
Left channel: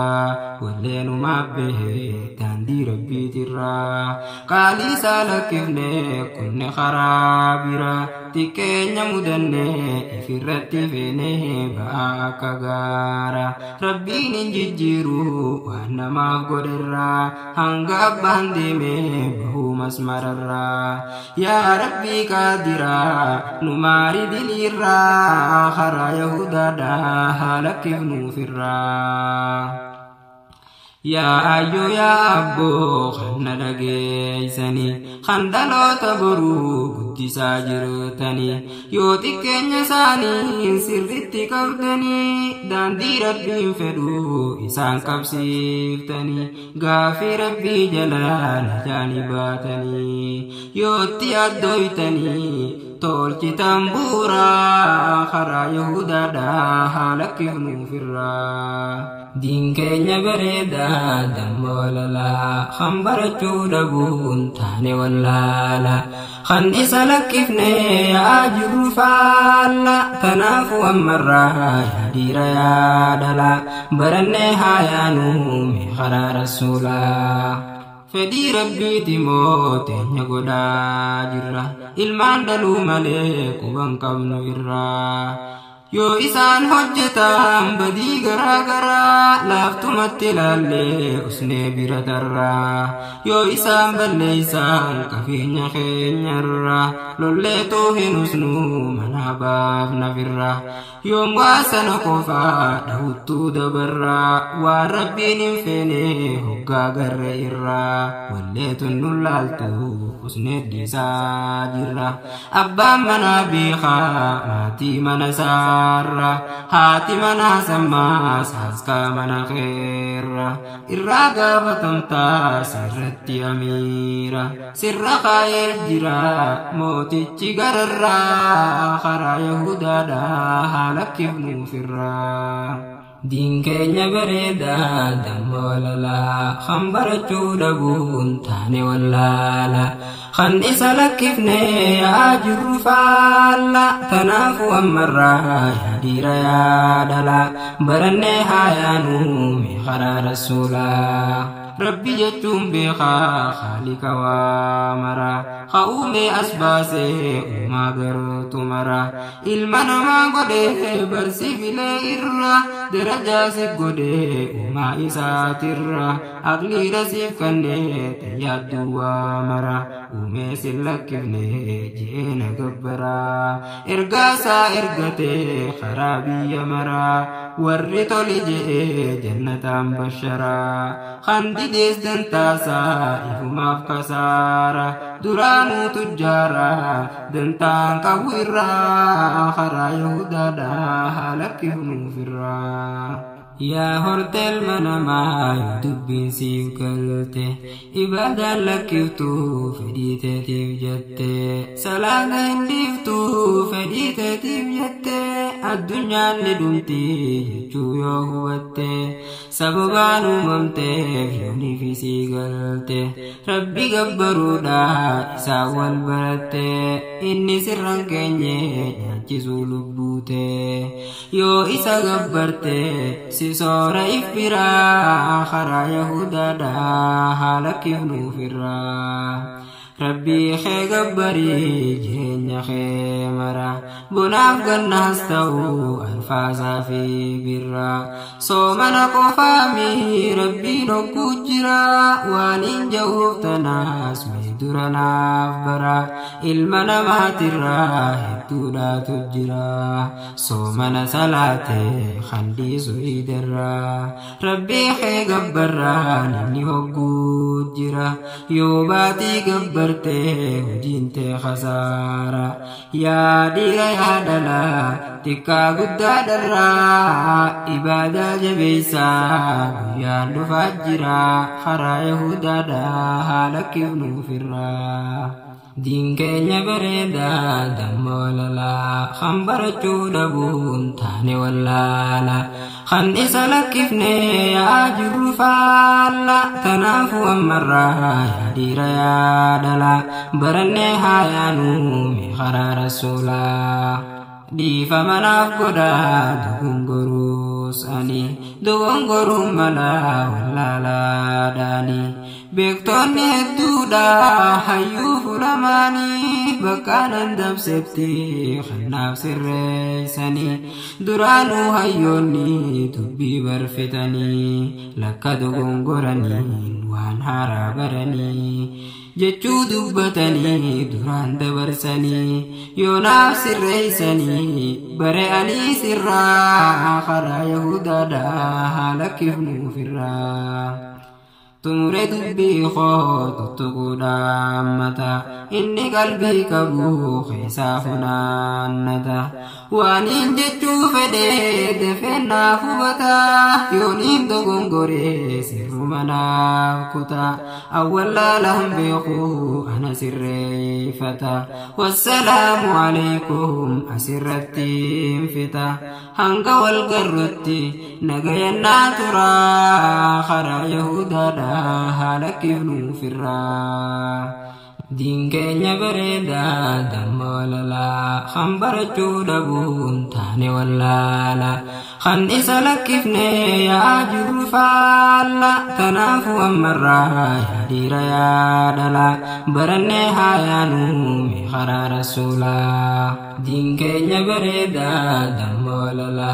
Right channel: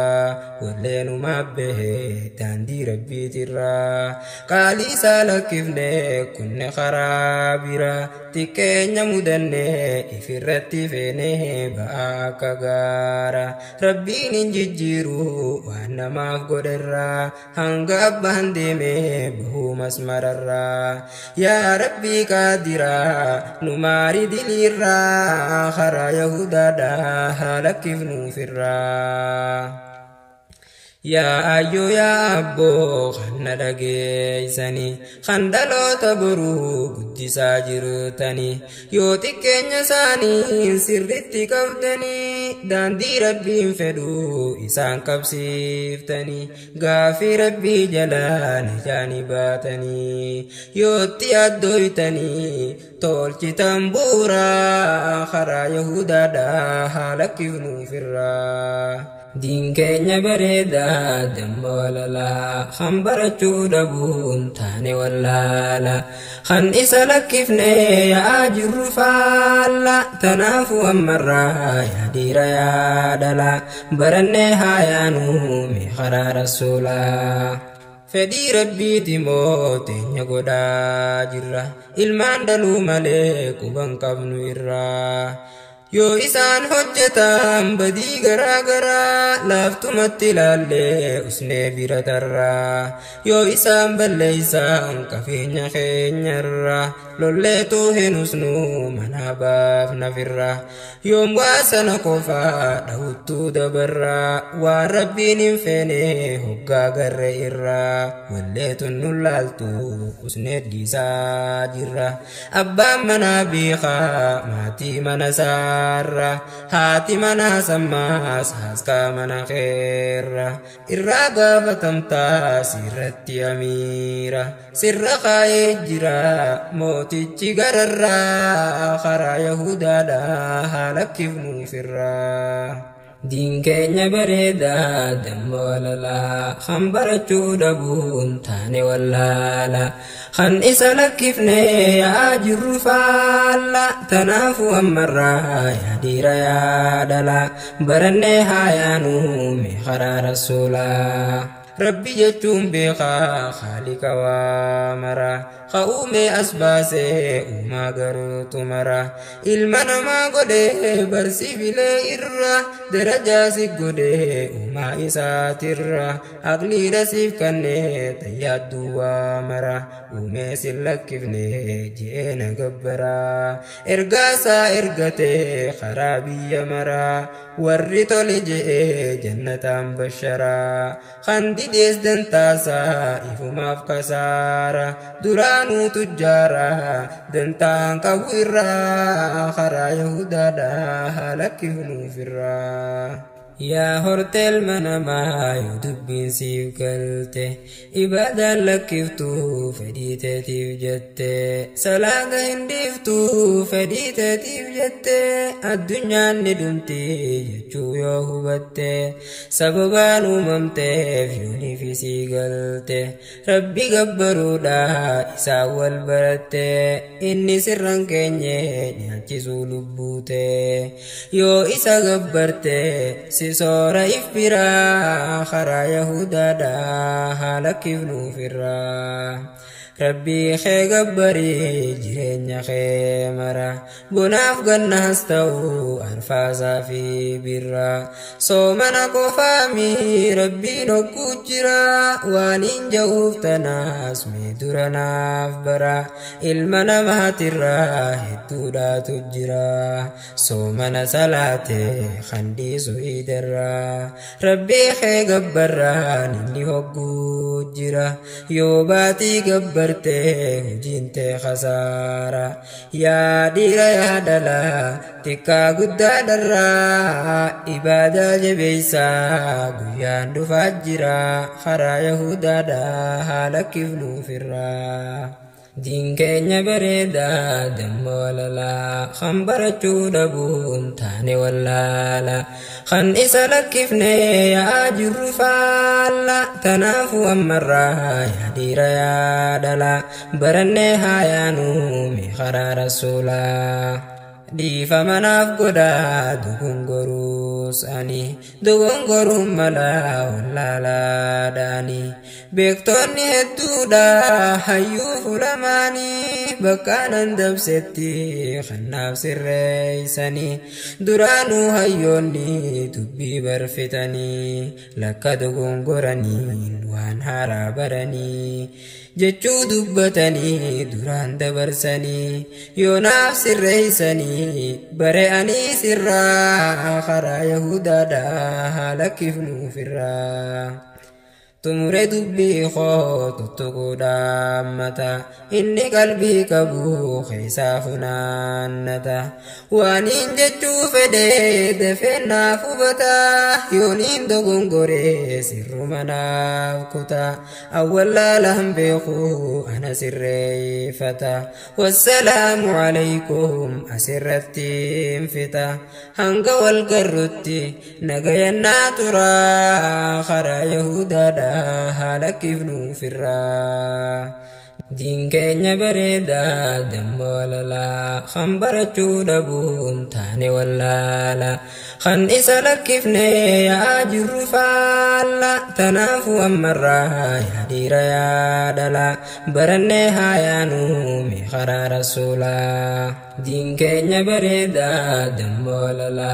walleenumaa bahe daandii rabbiitirra qaaliisaa lakkifne kunne karaa bira xiqqeenya mudanne ifirratti fene baaka gaara rabbiin injijjiiru waan namaaf godherra hanga abbaan deeme bahuu masmararra yaa rabbii qaadira nu maari dilirra karaa yahudaadha haa lakkifnuufirra yaa ayyo yaa abbo kan na dhageeysani kan dhaloota boruu guddisaa jirtani yoo xiqqeenya isaanii sirritti qabdanii daandii rabbiin fedhu isaan qabsiiftanii gaafii rabbii jalaan ijaani baatanii yootti addooytanii tolchitan buuraa karaa yahudaadhaa haa lakkifnuufirraa din keenya bareeda damma walala kan barachuu dhabuun taane wallaala kan isa lakkifne yaa jirru faalla tanaafu ammarraa yaa dhiira yaa dhala barannee haa yaanu mee karaa rasuulaa fedhii rabbiiti moo teenya godhaa jirra ilmaan dhaluu malee quban qabnu irraa yoo isaan hojjetan badii garaa garaa laaftumatti ilaallee usnee bira tarraa yoo isaan balleeysan qabeenya keenyarra lollee too hin usnu mana baafnafirra yoom waa sana qofaa dhawuttuu dabarraa waan rabbiin hin feene hoggaa garre irraa walleetun nu laaltu usnee dhiisaa jirra abbaan manaa beekaa maatii mana isaa haati mana sammaas haaskaa mana keerra irraa gaafatamtaa sirratti amiira sirra kaayee jira mootichi gararraa karaa yahudaadhaa haa lakkifnuufirraa din keenya bareeda damma walala kan barachuu dhabuun taane wallaala kan isa lakkifne yaa jirru faalla tanaafu ammarraa yaa dhiira yaa dhala barannee haa yaanu mee karaa rasuulaa rabbi jechuun beekaa khaalika waa mara uume as baasee uumaa gartuu mara ilma namaa godhee barsiifilee irra darajaa si godhee uumaa isaatirra aqlii rasiif kannee tayyaaddu waa mara uume sin lakkifne jeena gabbaraa ergaasaa ergatee karaa biyya maraa warri toli je'ee jannataan basharaa kan didees dantaasaa ifumaaf kasaara duraanuu tujjaara dantaan qabu irraa karaa yahudaadhaa haa lakkifnuufirraa yaa hortel manamaa yoo dubbiin siif galte ibaadaan lakkiftuu fedhii teetiif jette salaata hin dhiiftuu fedhii teetiif jette addunyaan ni dhumti jechuu yoo hubatte sababaan uumamteef yooniif isii galte rabbi gabbaruudha isaa wal baratte inni sirran keenye nyaachisuu lubbuute yoo isa gabbarte soora ifbiraa karaa yahudaadhaa haala kifnuufirraa rabbii kee gabbarii jireenya kee mara bonaaf gannaas ta'u alfaasaa fi birraa soomana qofaami rabbiin hogguu jira waan hin ja'uuf tanaas mee dura naaf bara ilma namaatirraa hedduudhaatu jira soomana salaatee handiisu idarraa rabbii kee gabbarraan inni hogguu jira yoo baatii gabbar hujinte khasara ya dira ya dala tikka gudda darra ibada jabeisa guyan du fajira khara yahuda da halakifnu firra din kenya bereda damolala khambara chudabun tane wallala khan isalakifne ya jurfala tanafu amra ya dira ya dala barane hayanu mi khara rasula di famanaf goda dugungorus ani dugungorum mala wallala dani bektoni hedduudha hayyuu fulamanii bakkaan dabsetti khannaaf sirreeysanii duraanuu hayyoonni dubbii barfitanii lakka dogongoranii waan haaraa baranii jechuu dubbatanii duraan dabarsanii yoonaaf sirreeysanii bare'anii sirraa karaa yahudaadhaa haala kifnuufirraa tumure dubbii koo tuttuquudha ammata inni qalbii qabu keessaa funaannata waaniin jechuu fedhee dafeennaaf hubata yooniin dogongoree sirruma naaf kuta awwallaalaan beeku ana sirreeyfata wassalaamu alaykum asirrattiin fita hanga wal garrutti nagayannaa turaa karaa yahudaadhaa haala kifnuufirraa din keenya bareeda dammoolala kan barachuu dhabuun taane wallaala kan isa lakkifne yaa jirru faalla tanaafu ammarraa yaa dhiira yaa dhala baranne haayaanuu mi karaa rasuulaa din keenya bareeda dammoolala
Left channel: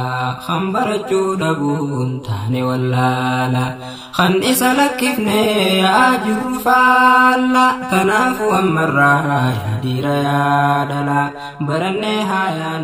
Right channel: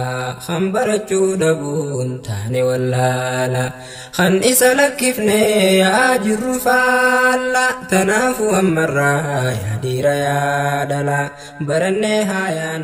kan barachuu dhabuun taane wallaala kan isa lakkifne yaa jirru faalla tanaafu ammarraa yaa dhiira yaa dhala baranne haayaan